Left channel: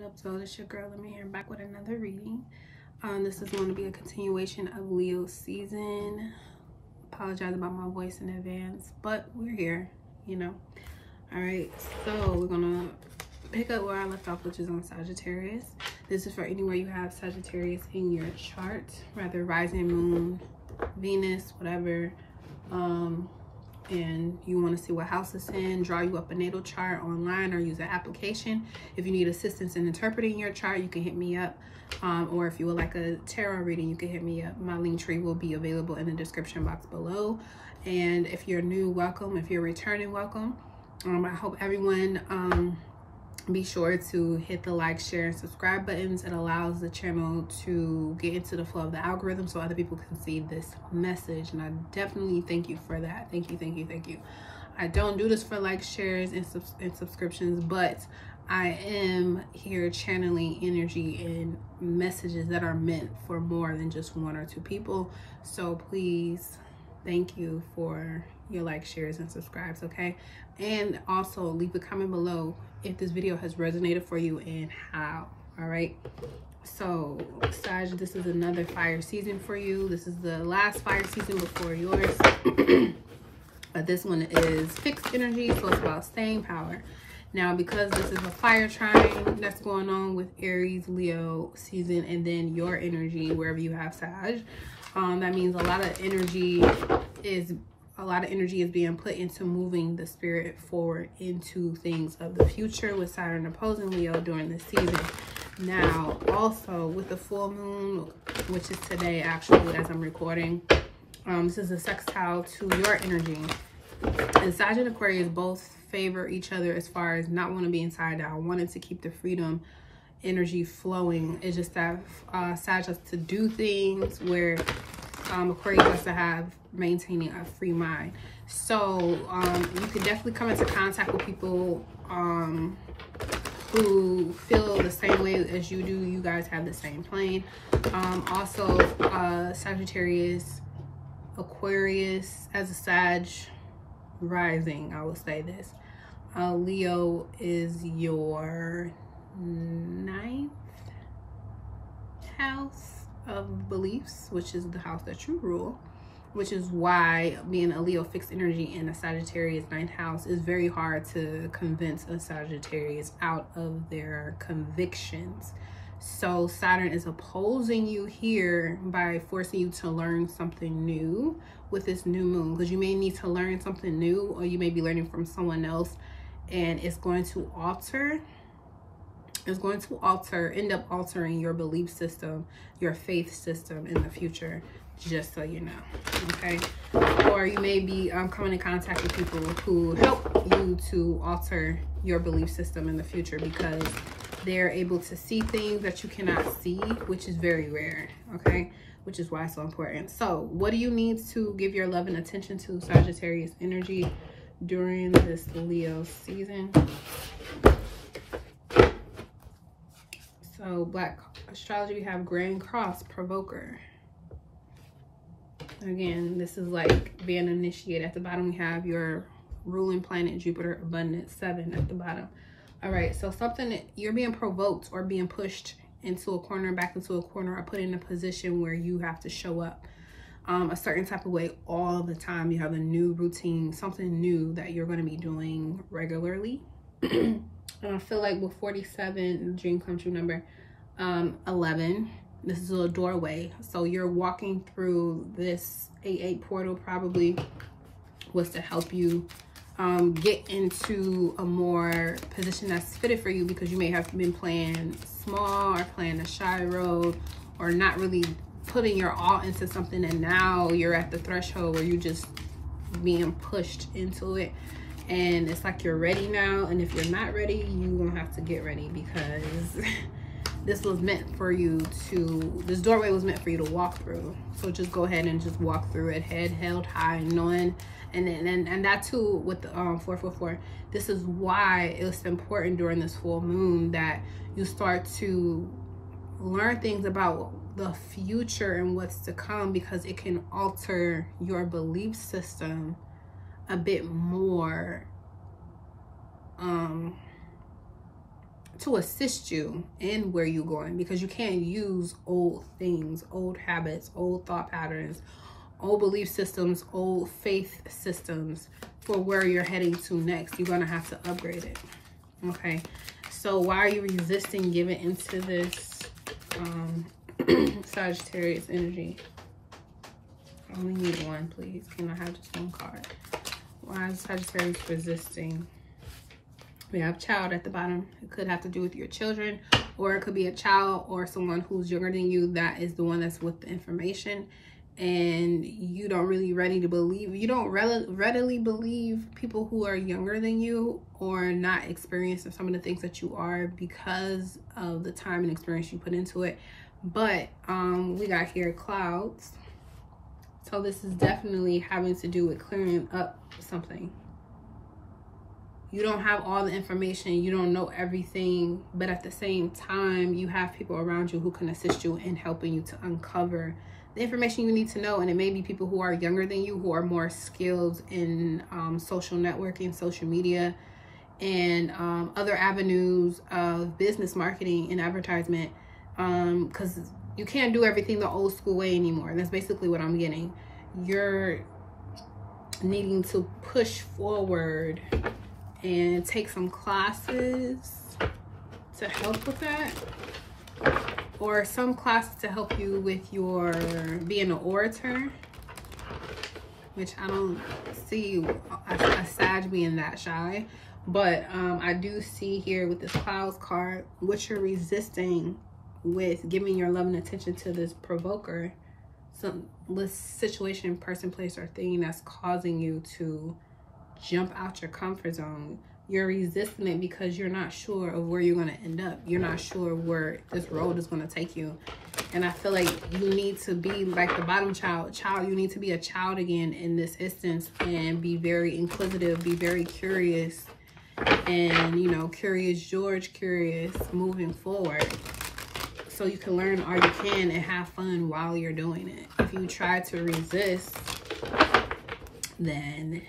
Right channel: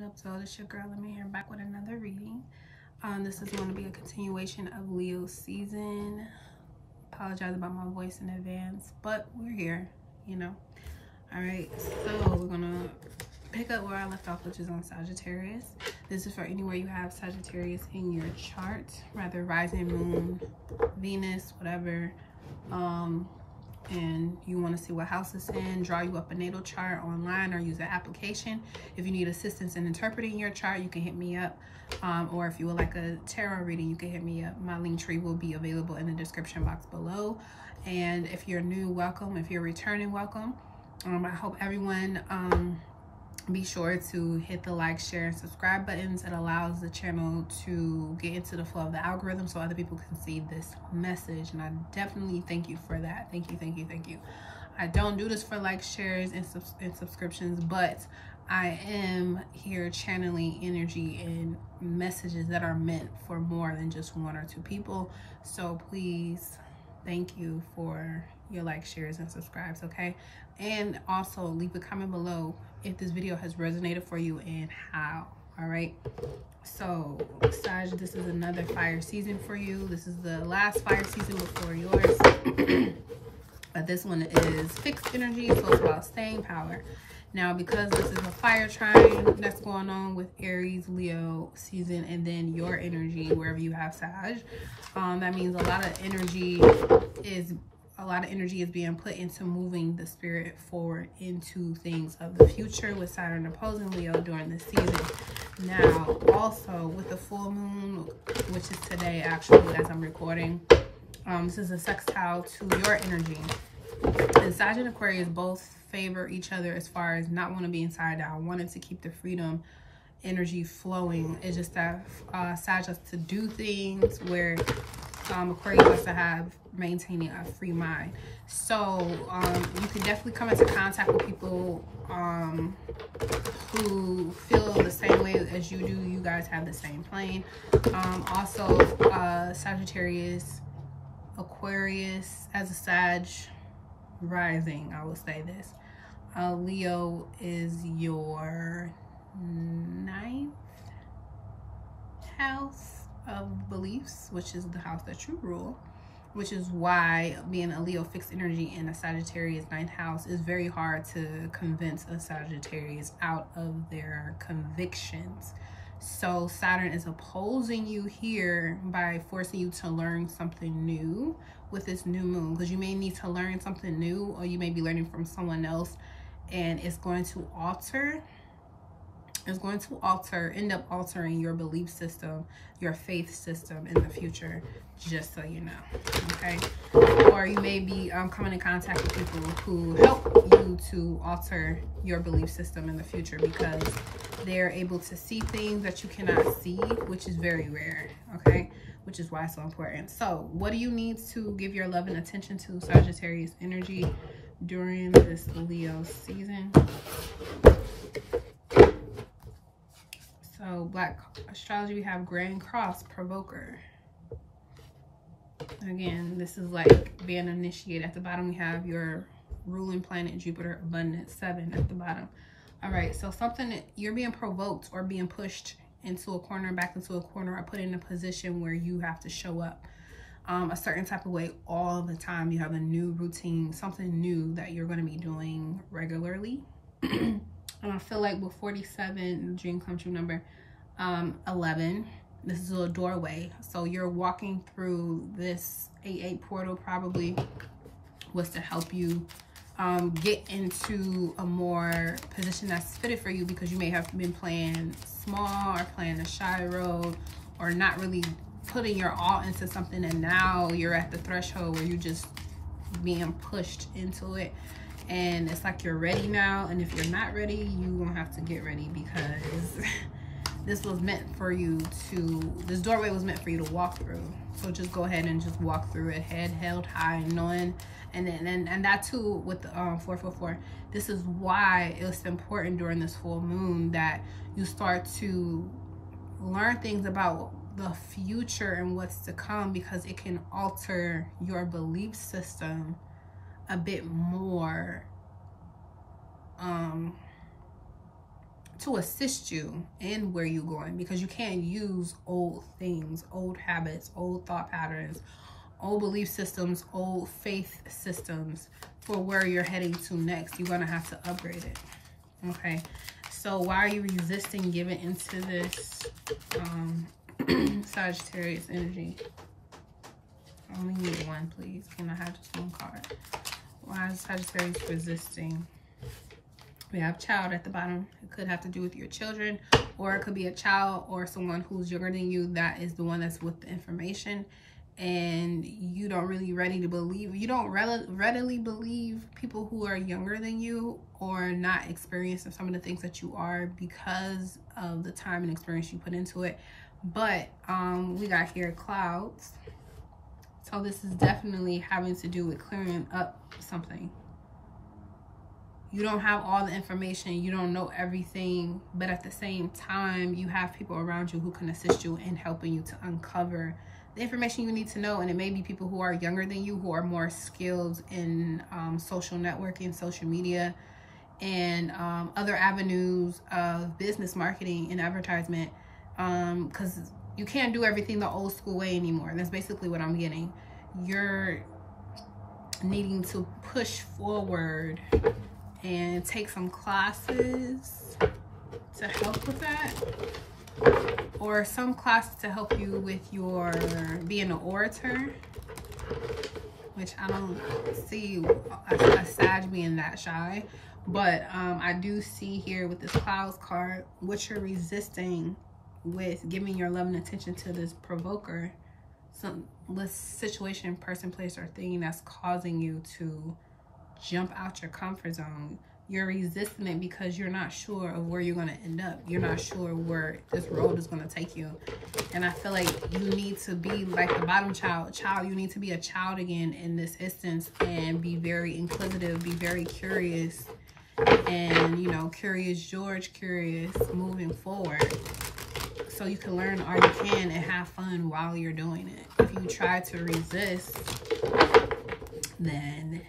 What up, so it's your girl Lenormand here, back with another reading. This is going to be a continuation of Leo's season. Apologize about my voice in advance, but we're here, you know. All right, so we're gonna pick up where I left off, which is on Sagittarius. This is for anywhere you have Sagittarius in your chart, rather rising, moon, Venus, whatever. And you want to see what house it's in, draw you up a natal chart online or use an application. If you need assistance in interpreting your chart, you can hit me up. Or if you would like a tarot reading, you can hit me up. My link tree will be available in the description box below. And if you're new, welcome. If you're returning, welcome. I hope everyone be sure to hit the like, share, and subscribe buttons. It allows the channel to get into the flow of the algorithm so other people can see this message, and I definitely thank you for that. Thank you, thank you, thank you. I don't do this for like, shares, and subscriptions, but I am here channeling energy and messages that are meant for more than just one or two people. So please, thank you for your like, shares, and subscribes, okay? And also leave a comment below if this video has resonated for you and how. All right, so Sag, this is another fire season for you. This is the last fire season before yours. But this one is fixed energy, so it's about staying power. Now, because this is a fire trine that's going on with Aries, Leo season, and then your energy wherever you have Sag, that means a lot of energy is being put into moving the spirit forward into things of the future with Saturn opposing Leo during this season. Now, also with the full moon, which is today actually as I'm recording, this is a sextile to your energy. And Sag and Aquarius both favor each other as far as not want to be inside out, wanting to keep the freedom energy flowing. It's just that Sag has to do things where Aquarius has to have maintaining a free mind. So you can definitely come into contact with people who feel the same way as you do. You guys have the same plane. Also Sagittarius, Aquarius as a Sag rising, I will say this, Leo is your 9th house of beliefs, which is the house that you rule, which is why being a Leo fixed energy in a Sagittarius 9th house is very hard to convince a Sagittarius out of their convictions. So Saturn is opposing you here by forcing you to learn something new with this new moon, because you may need to learn something new, or you may be learning from someone else, and it's going to end up altering your belief system, your faith system in the future, just so you know, okay? Or you may be coming in contact with people who help you to alter your belief system in the future because they're able to see things that you cannot see, which is very rare, okay? Which is why it's so important. So what do you need to give your love and attention to, Sagittarius energy, during this Leo season? So Black astrology, we have Grand Cross Provoker. Again, this is like being initiated. At the bottom we have your ruling planet Jupiter, abundance 7 at the bottom. All right, so something that you're being provoked or being pushed into a corner, back into a corner, or put in a position where you have to show up a certain type of way all the time. You have a new routine, something new that you're going to be doing regularly. And I feel like with 47, dream come true number, 11, this is a doorway. So you're walking through this 8-8 portal, probably was to help you get into a more position that's fitted for you, because you may have been playing small or playing a shy road, or not really putting your all into something, and now you're at the threshold where you're just being pushed into it. And it's like you're ready now, and if you're not ready, you won't have to get ready, because this was meant for you to, this doorway was meant for you to walk through. So just go ahead and just walk through it, head held high, knowing, and that too with the 444. This is why it's important during this full moon that you start to learn things about the future and what's to come, because it can alter your belief system a bit more to assist you in where you're going, because you can't use old things, old habits, old thought patterns, old belief systems, old faith systems for where you're heading to next. You're going to have to upgrade it. Okay, so why are you resisting giving into this Sagittarius energy? I only need one, please. Can I have just one card? Why is Sagittarius resisting? We have child at the bottom. It could have to do with your children, or it could be a child or someone who's younger than you that is the one that's with the information, and you don't really ready to believe. You don't readily believe people who are younger than you or not experiencing some of the things that you are because of the time and experience you put into it. But we got here clouds. So this is definitely having to do with clearing up something. You don't have all the information, you don't know everything, but at the same time, you have people around you who can assist you in helping you to uncover the information you need to know. And it may be people who are younger than you, who are more skilled in social networking, social media, and other avenues of business marketing and advertisement, because you can't do everything the old school way anymore. That's basically what I'm getting. You're needing to push forward and take some classes to help with that, or some classes to help you with your being an orator, which I don't see a Sag being that shy, but I do see here with this clouds card what you're resisting with giving your love and attention to this provoker, some situation, person, place, or thing that's causing you to jump out your comfort zone. You're resisting it because you're not sure of where you're going to end up. You're not sure where this road is going to take you. And I feel like you need to be like the bottom child. You need to be a child again in this instance and be very inquisitive, be very curious, and, you know, curious George, curious moving forward, so you can learn all you can and have fun while you're doing it. If you try to resist, then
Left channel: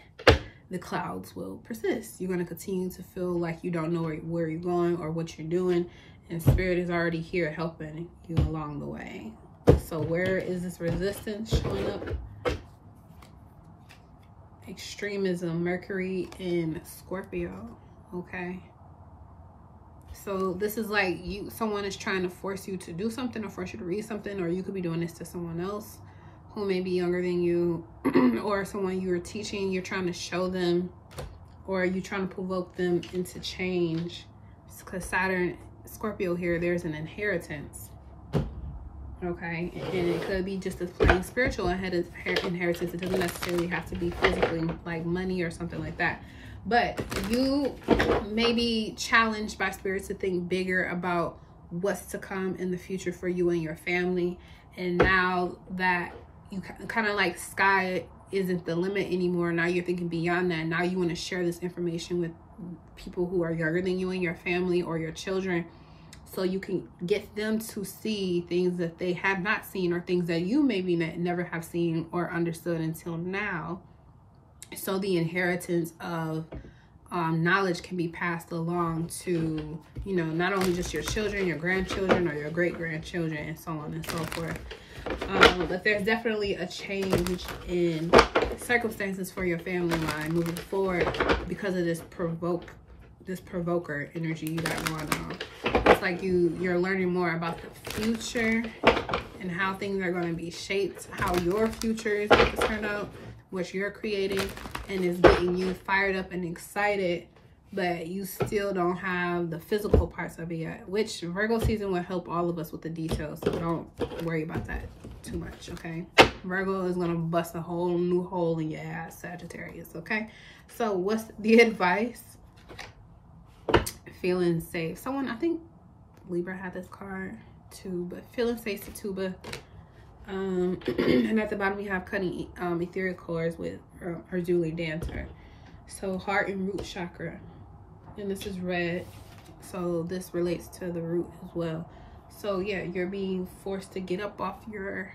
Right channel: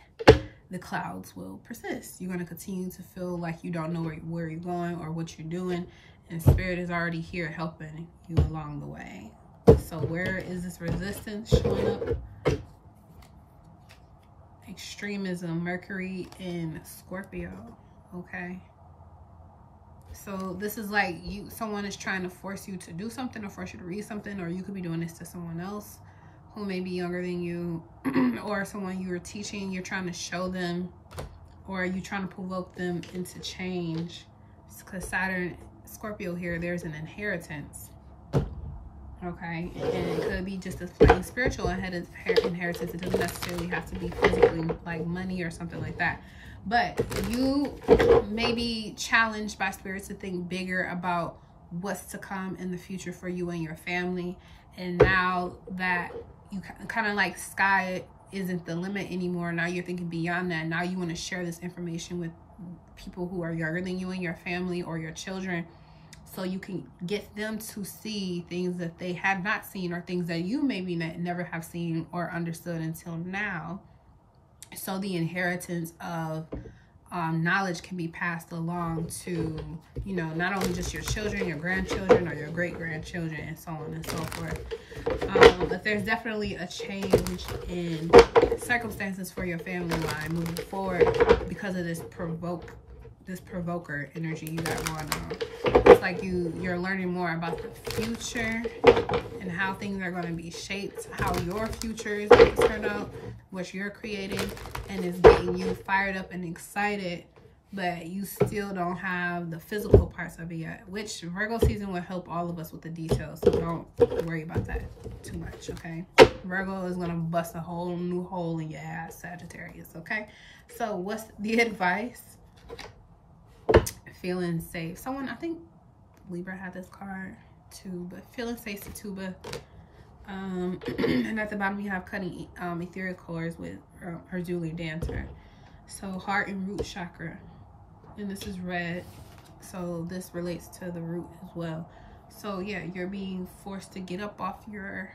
the clouds will persist. You're going to continue to feel like you don't know where you're going or what you're doing, and Spirit is already here helping you along the way. So where is this resistance showing up? Extremism, Mercury in Scorpio. Okay, so this is like someone is trying to force you to do something or force you to read something, or you could be doing this to someone else who may be younger than you, or someone you're teaching. You're trying to show them, or you're trying to provoke them into change. Because Saturn, Scorpio here, there's an inheritance. Okay, and it could be just as plain spiritual inheritance. It doesn't necessarily have to be physically, like money or something like that. But you may be challenged by Spirit to think bigger about what's to come in the future for you and your family. And now that you kind of like sky isn't the limit anymore, now you're thinking beyond that. Now you want to share this information with people who are younger than you and your family or your children, so you can get them to see things that they have not seen, or things that you maybe never have seen or understood until now. So the inheritance of knowledge can be passed along to, you know, not only just your children, your grandchildren, or your great-grandchildren, and so on and so forth. But there's definitely a change in circumstances for your family line moving forward because of this provoker energy you got going on. It's like you're learning more about the future and how things are going to be shaped, how your future is going to turn out, what you're creating, and is getting you fired up and excited, but you still don't have the physical parts of it yet, which Virgo season will help all of us with the details, so don't worry about that too much, okay? Virgo is gonna bust a whole new hole in your ass, Sagittarius, okay? So what's the advice? Feeling safe. Someone, I think Libra had this card too, but feeling safe to Tuba. And at the bottom we have cutting ethereal cords with her Julie Dancer. So heart and root chakra, and this is red, so this relates to the root as well. So yeah, you're being forced to get up off your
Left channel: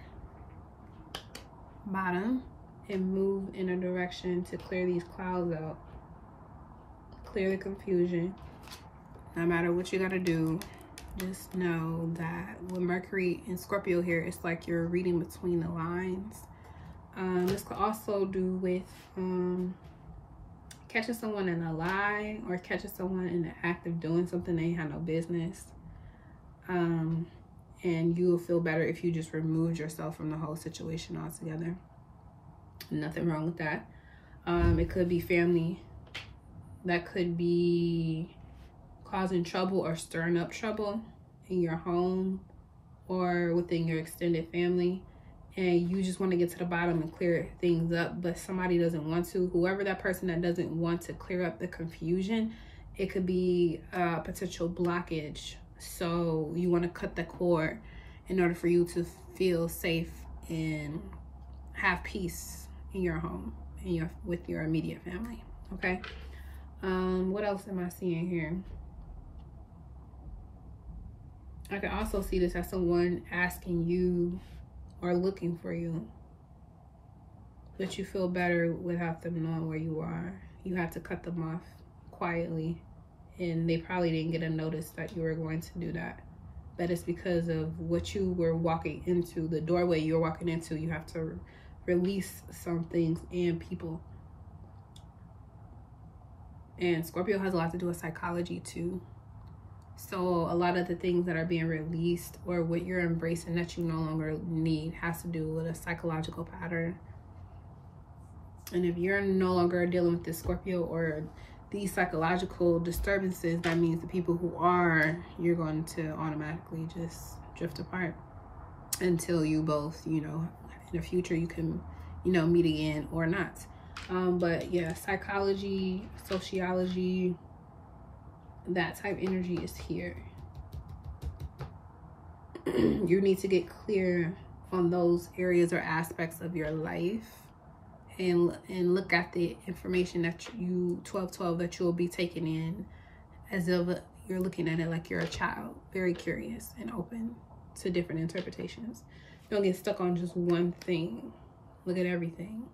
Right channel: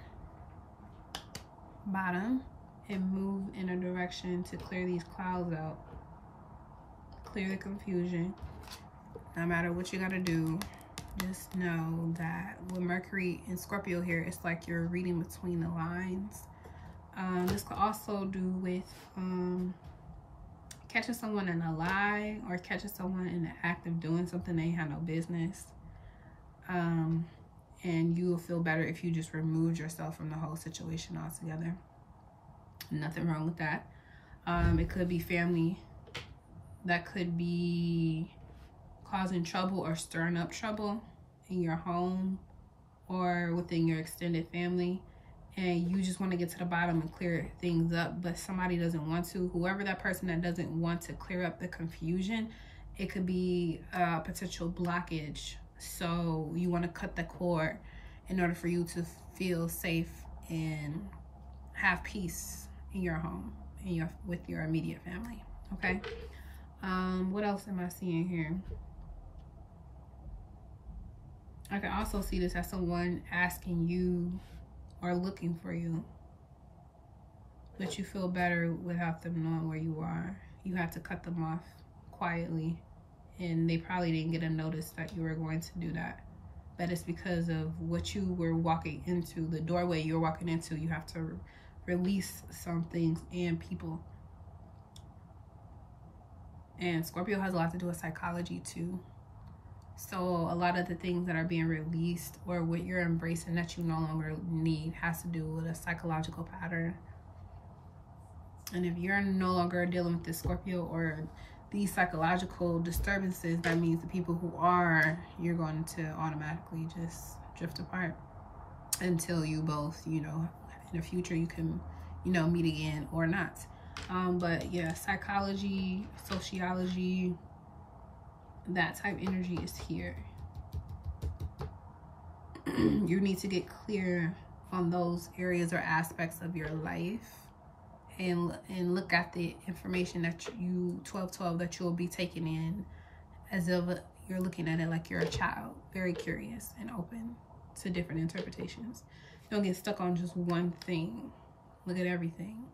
bottom and move in a direction to clear these clouds out, clear the confusion, No matter what you gotta do, just know that with Mercury and Scorpio here, it's like you're reading between the lines. This could also do with catching someone in a lie, or catching someone in the act of doing something they had no business. And you will feel better if you just removed yourself from the whole situation altogether. Nothing wrong with that. It could be family that could be causing trouble or stirring up trouble in your home or within your extended family, and you just want to get to the bottom and clear things up, but somebody doesn't want to. Whoever that person that doesn't want to clear up the confusion, it could be a potential blockage. So you want to cut the cord in order for you to feel safe and have peace in your home and with your immediate family. Okay. What else am I seeing here? I can also see this as someone asking you or looking for you, but you feel better without them knowing where you are. You have to cut them off quietly, and they probably didn't get a notice that you were going to do that. But it's because of what you were walking into, the doorway you're walking into. You have to release some things and people. And Scorpio has a lot to do with psychology too. So a lot of the things that are being released or what you're embracing that you no longer need has to do with a psychological pattern. And if you're no longer dealing with this Scorpio or these psychological disturbances, that means the people who are, you're going to automatically just drift apart until you both, you know, in the future you can, you know, meet again or not. But yeah, psychology, sociology, that type energy is here. You need to get clear on those areas or aspects of your life, and look at the information that you 1212 that you'll be taking in as if you're looking at it like you're a child, very curious and open to different interpretations. Don't get stuck on just one thing. Look at everything.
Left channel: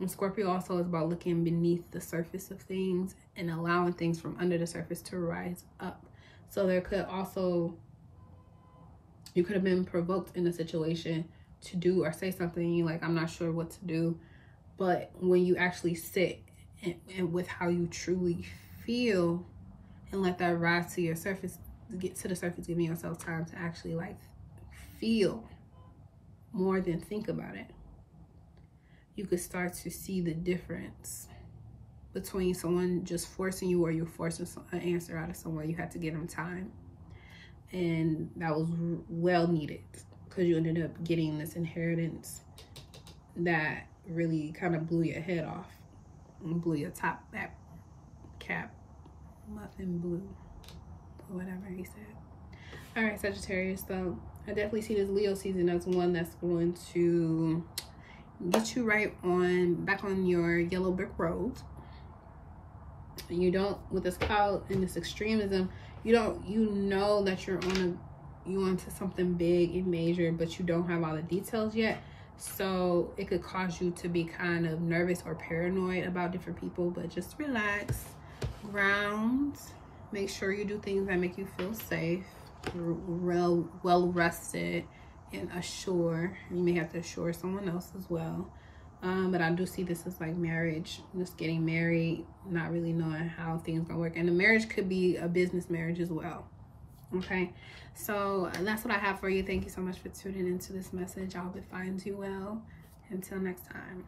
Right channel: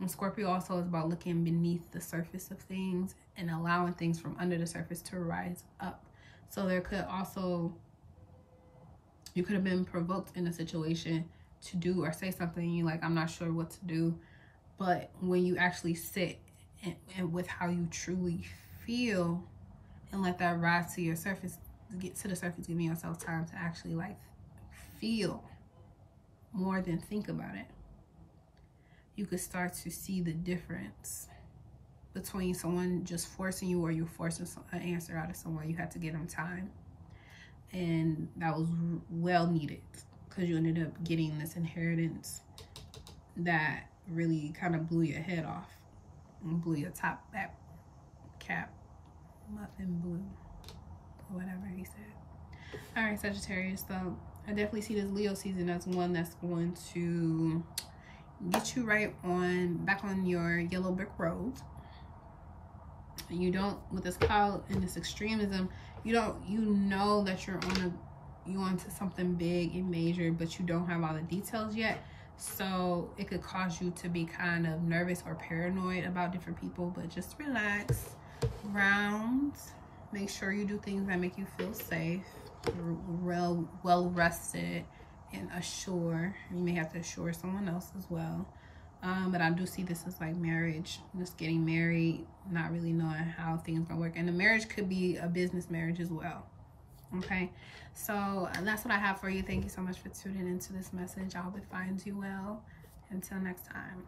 And Scorpio also is about looking beneath the surface of things and allowing things from under the surface to rise up. So there could also, you could have been provoked in a situation to do or say something, you're like, I'm not sure what to do. But when you actually sit and with how you truly feel and let that rise to your surface, get to the surface, giving yourself time to actually like feel more than think about it, you could start to see the difference between someone just forcing you or you're forcing an answer out of someone. You had to give them time. And that was well needed because you ended up getting this inheritance that really kind of blew your head off and blew your top back cap. Muffin blue, or whatever he said. All right, Sagittarius. So I definitely see this Leo season as one that's going to get you right on back on your yellow brick road. You don't, with this cloud and this extremism, you know that you're onto something big and major, but you don't have all the details yet. So it could cause you to be kind of nervous or paranoid about different people, but just relax, ground, make sure you do things that make you feel safe, real well rested, and assure. You may have to assure someone else as well. But I do see this as like marriage, just getting married, not really knowing how things gonna work. And the marriage could be a business marriage as well. Okay, so that's what I have for you. Thank you so much for tuning into this message. I hope it finds you well. Until next time.